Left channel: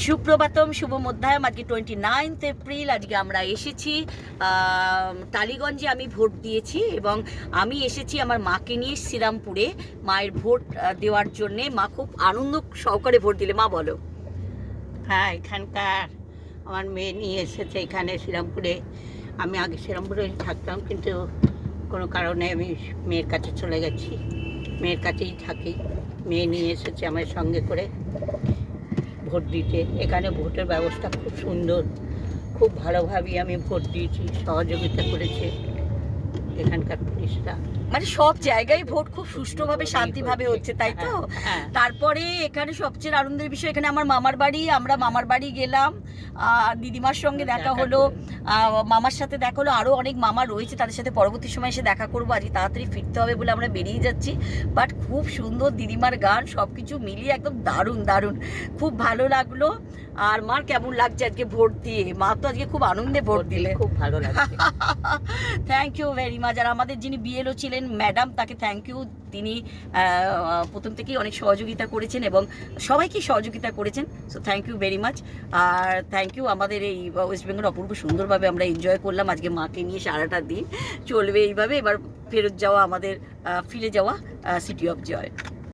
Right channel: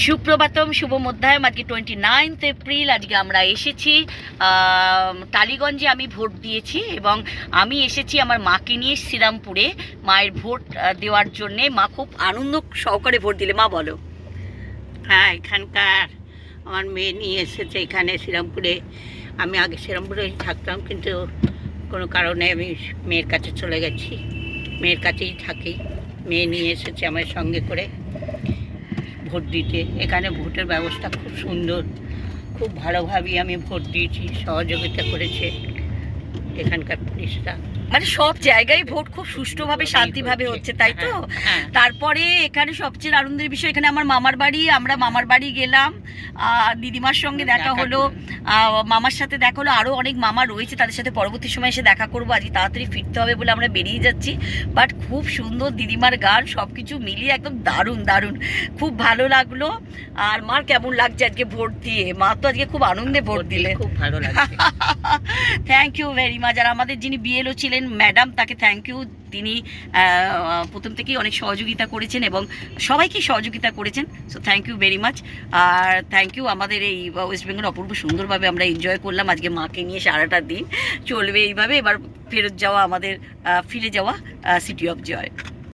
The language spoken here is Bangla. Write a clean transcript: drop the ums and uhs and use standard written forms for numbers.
সুপ্রভাতম, শুভ মধ্যায়ন। আজকে 29 এপ্রিল। আজকে আমরা এসেছি টালিগঞ্জে। আমি ভোট দিয়েছি এবং আমি এসেছি আমার মাকে নিয়ে শ্রীরামপুরে মায়ের ভোট দেওয়ার জন্যে। মা খুব আনন্দ সহকারে ভোট দিলে। মা বলো। হ্যাঁ, এখানকার আমার মেয়ে নিয়ে এসেছে এখানে শ্রীরামপুরে। আমি আগে শ্রীরামপুরে থাকতাম, কিন্তু কোনো কারণে আমি মেয়ের কাছে চলে গেছি। মেয়ের কাছেই থাকি। মেয়ে নিয়ে এসেছে আমার সঙ্গে করে ভোট দিতে। এখানে ভোটের ব্যবস্থা খুব সুন্দর, খুব ভালোভাবেই আমি ভোট দিয়েছি। সহযোগিতা করেছে এখানকার পুলিশরা। মানে সব জায়গায় ভোট খুব সুষ্ঠুভাবে শান্তিভাবে হচ্ছে, তাই তো? হ্যাঁ। তারপরে এখানে সবচেয়ে আনন্দের বিষয়, এখানে আমার মামার বাড়ি। আমরা মামার বাড়ি গেলাম, দিদিমার সঙ্গে দেখা হলো, মামার সাথে দেখা হলো। আরও অনেক মামা রয়েছে, তাদের সাথে পরবর্তী সময় এসে দেখা করবো। আজকে তাড়াতাড়ি ফিরতে হবে বলে আমরা বেরিয়ে যাচ্ছি। বাট খুব সুন্দর দিদিমার গান, সব কিছু মিলিয়ে একদম দারুণ দারুণ, খুব ভালো লাগলো। আর মার কেমন লাগছে আজকে ভোট দিয়ে? মা তো আজকে খুব আনন্দে ভোট দিলে। খুব ভালো লাগছে। Thank you very much. আর আমাদের যিনি বিএলও ছিলেন ম্যাডাম, তাকে থ্যাংক ইউ। তিনি প্রথম থেকেই অনেক সহযোগিতা করেছেন এবং সবাইকে সহযোগিতা করেছেন। So thank you very much. আর থ্যাংক ইউ। আমাদের এই ওয়েস্ট বেঙ্গল অপূর্ব সুন্দরভাবে আমরা এনজয় করলাম আজকে মাকে নিয়ে। সারাটা দিন চলবে এইভাবে। এবার ফেরত যাওয়া আমাদের, ফিরে যাওয়া সিটি অফ জয়।